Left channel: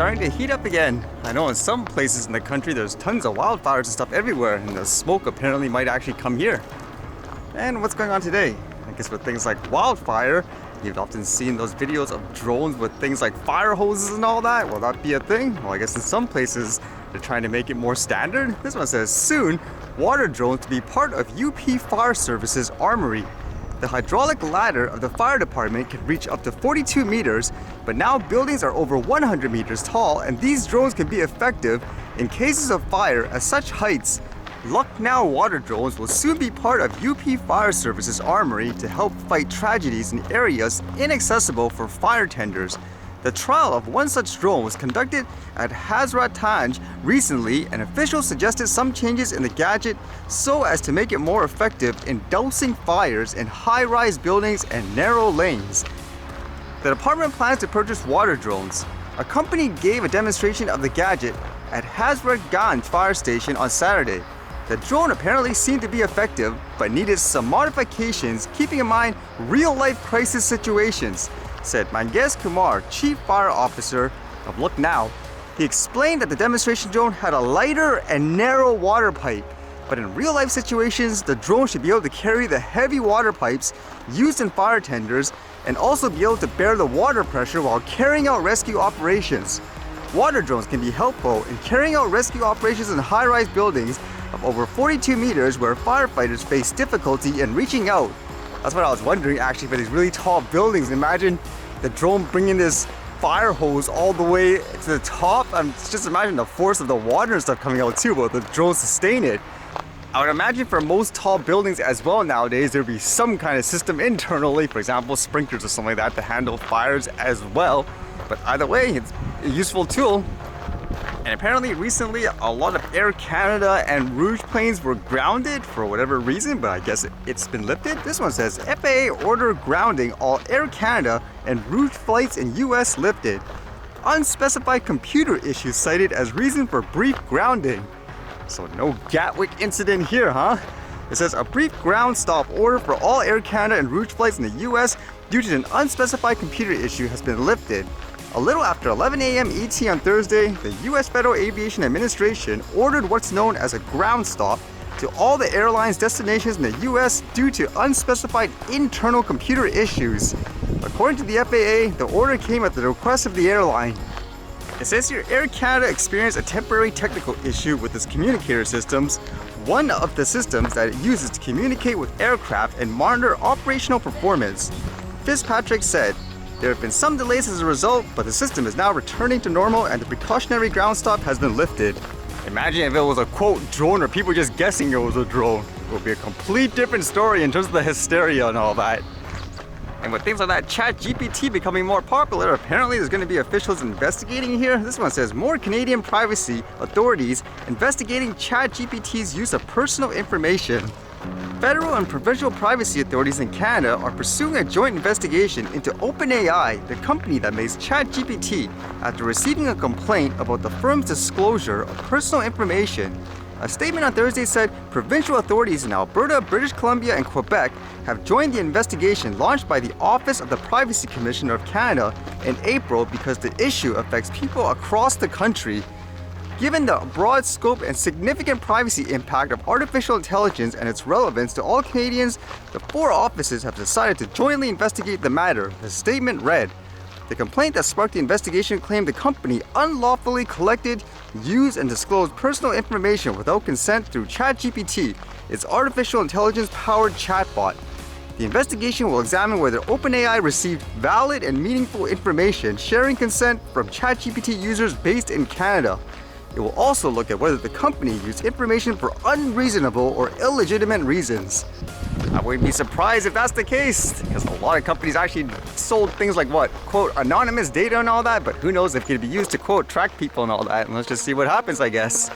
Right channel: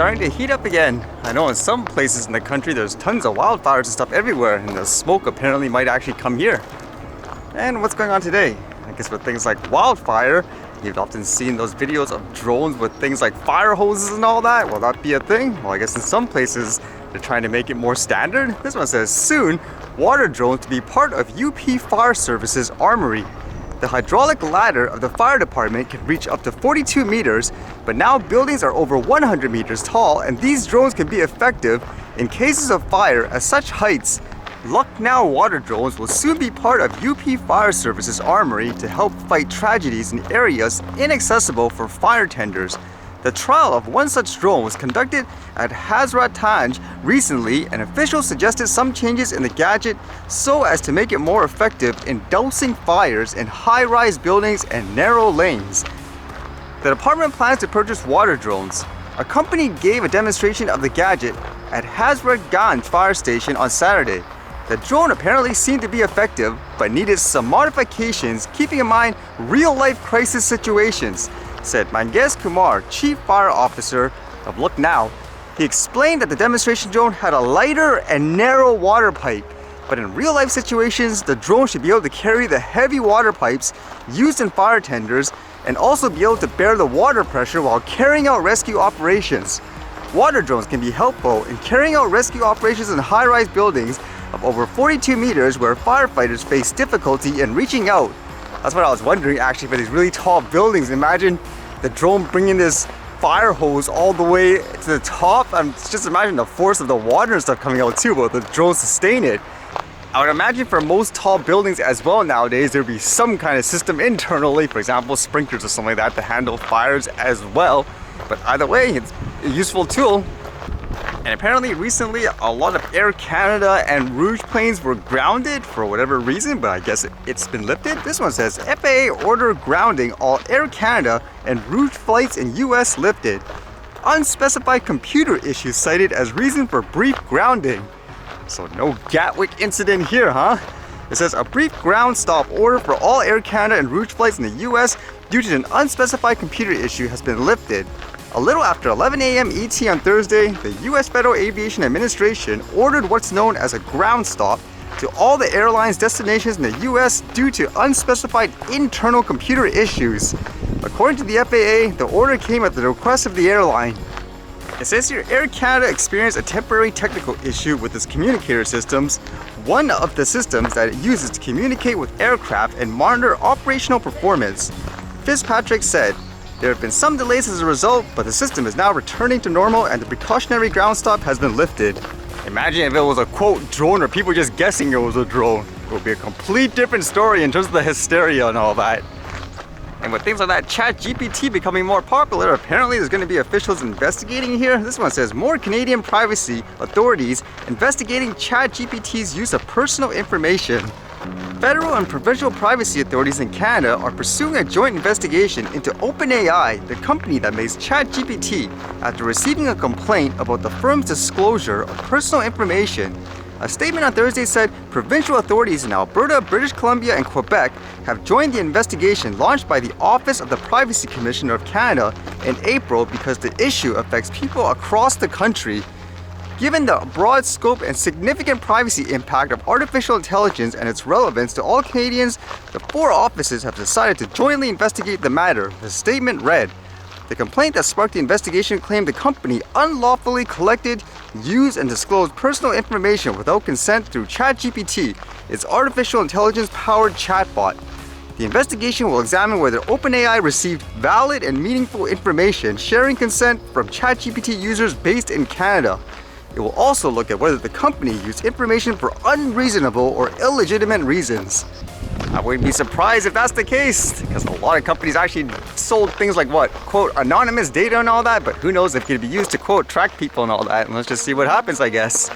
starting to heat up again. I know in some places in the country there's tons of wildfires and stuff everywhere, and the smoke apparently might actually come here. And what's going on today? I guess with things like wildfire, you've often seen those videos of drones with things like fire hoses and all that. Will that be a thing? Well, I guess in some places they're trying to make it more standard. This one says, soon, water drones to be part of UP Fire Service's armory. The hydraulic ladder of the fire department can reach up to 42 meters, but now buildings are over 100 meters tall, and these drones can be effective in cases of fire at such heights. Lucknow water drones will soon be part of UP Fire Service's armory to help fight tragedies in areas inaccessible for fire tenders. The trial of one such drone was conducted at Hazratganj recently, and officials suggested some changes in the gadget so as to make it more effective in dousing fires in high-rise buildings and narrow lanes. The department plans to purchase water drones. A company gave a demonstration of the gadget at Hazratganj fire station on Saturday. The drone apparently seemed to be effective, but needed some modifications, keeping in mind real-life crisis situations, said Mangesh Kumar, Chief Fire Officer of Lucknow. He explained that the demonstration drone had a lighter and narrow water pipe, but in real-life situations, the drone should be able to carry the heavy water pipes used in fire tenders and also be able to bear the water pressure while carrying out rescue operations. Water drones can be helpful in carrying out rescue operations in high-rise buildings of over 42 meters where firefighters face difficulty in reaching out. That's what I was wondering actually, for these really tall buildings. Imagine the drone bringing this fire hose all the way to the top. Just imagine the force of the water and stuff coming out too, but the drone sustain it. I would imagine for most tall buildings as well nowadays, there would be some kind of system internally, for example, sprinklers or something like that to handle fires as well. But either way, it's a useful tool. And apparently recently a lot of Air Canada and Rouge planes were grounded for whatever reason, but I guess it's been lifted. This one says FAA order grounding all Air Canada and Rouge flights in US lifted. Unspecified computer issues cited as reason for brief grounding. So no Gatwick incident here, huh? It says a brief ground stop order for all Air Canada and Rouge flights in the US due to an unspecified computer issue has been lifted. A little after 11 a.m. ET on Thursday, the U.S. Federal Aviation Administration ordered what's known as a ground stop to all the airlines' destinations in the U.S. due to unspecified internal computer issues. According to the FAA, the order came at the request of the airline. It says here, Air Canada experienced a temporary technical issue with its communicator systems, one of the systems that it uses to communicate with aircraft and monitor operational performance. Fitzpatrick said, there have been some delays as a result, but the system is now returning to normal and the precautionary ground stop has been lifted. Imagine if it was a quote drone or people just guessing it was a drone. It would be a complete different story in terms of the hysteria and all that. And with things like that ChatGPT becoming more popular, apparently there's going to be officials investigating here. This one says more Canadian privacy authorities investigating ChatGPT's use of personal information. Federal and provincial privacy authorities in Canada are pursuing a joint investigation into OpenAI, the company that makes ChatGPT, after receiving a complaint about the firm's disclosure of personal information. A statement on Thursday said provincial authorities in Alberta, British Columbia, and Quebec have joined the investigation launched by the Office of the Privacy Commissioner of Canada in April because the issue affects people across the country. Given the broad scope and significant privacy impact of artificial intelligence and its relevance to all Canadians, the four offices have decided to jointly investigate the matter, the statement read. The complaint that sparked the investigation claimed the company unlawfully collected, used, and disclosed personal information without consent through ChatGPT, its artificial intelligence-powered chatbot. The investigation will examine whether OpenAI received valid and meaningful information sharing consent from ChatGPT users based in Canada. It will also look at whether the company used information for unreasonable or illegitimate reasons. I wouldn't be surprised if that's the case, because a lot of companies actually sold things like what, quote, anonymous data and all that, but who knows if it could be used to, quote, track people and all that. And let's just see what happens, I guess.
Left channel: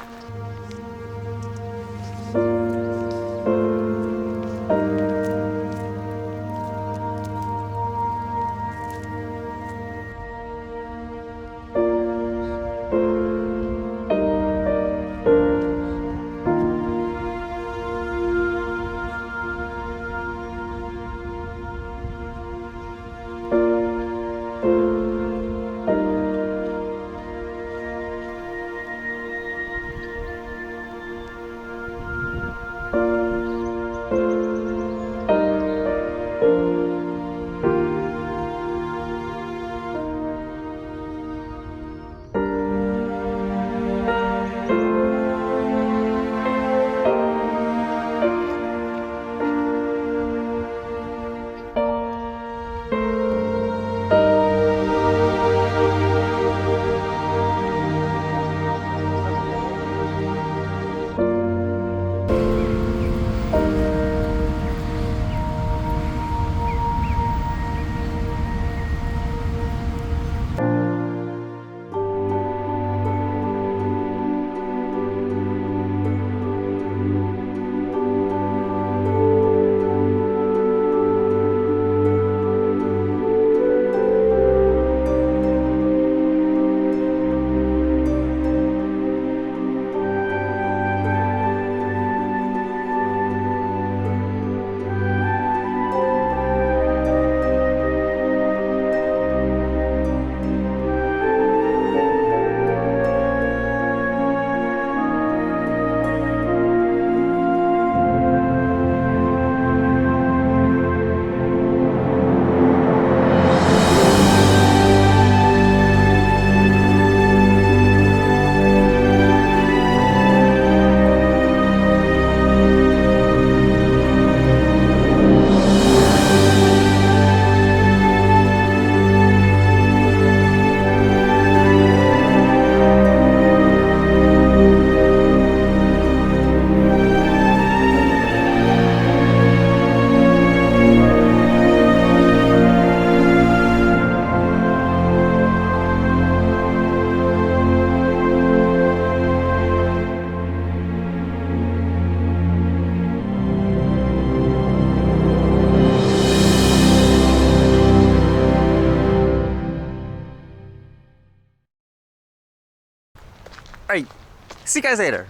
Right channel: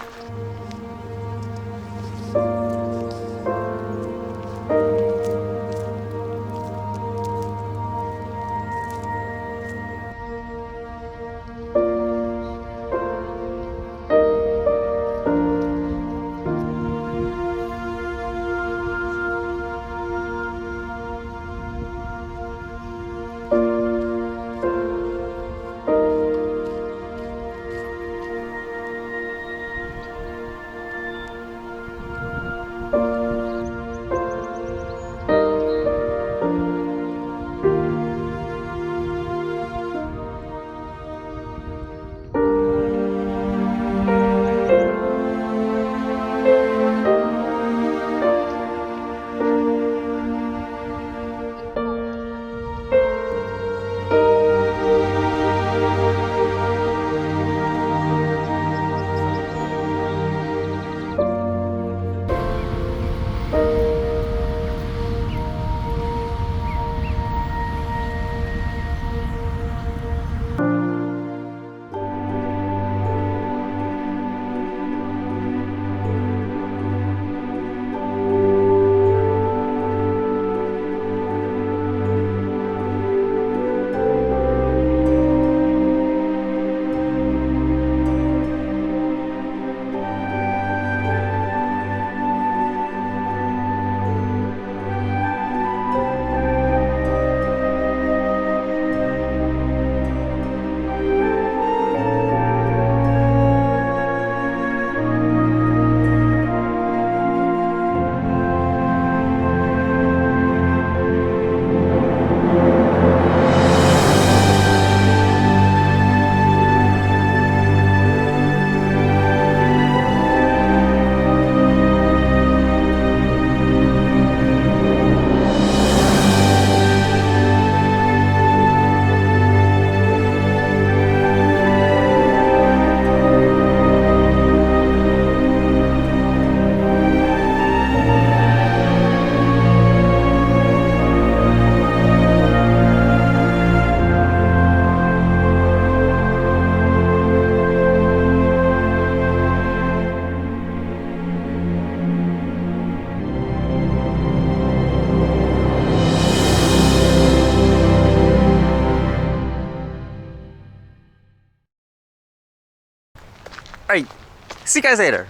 Alright, see you guys later.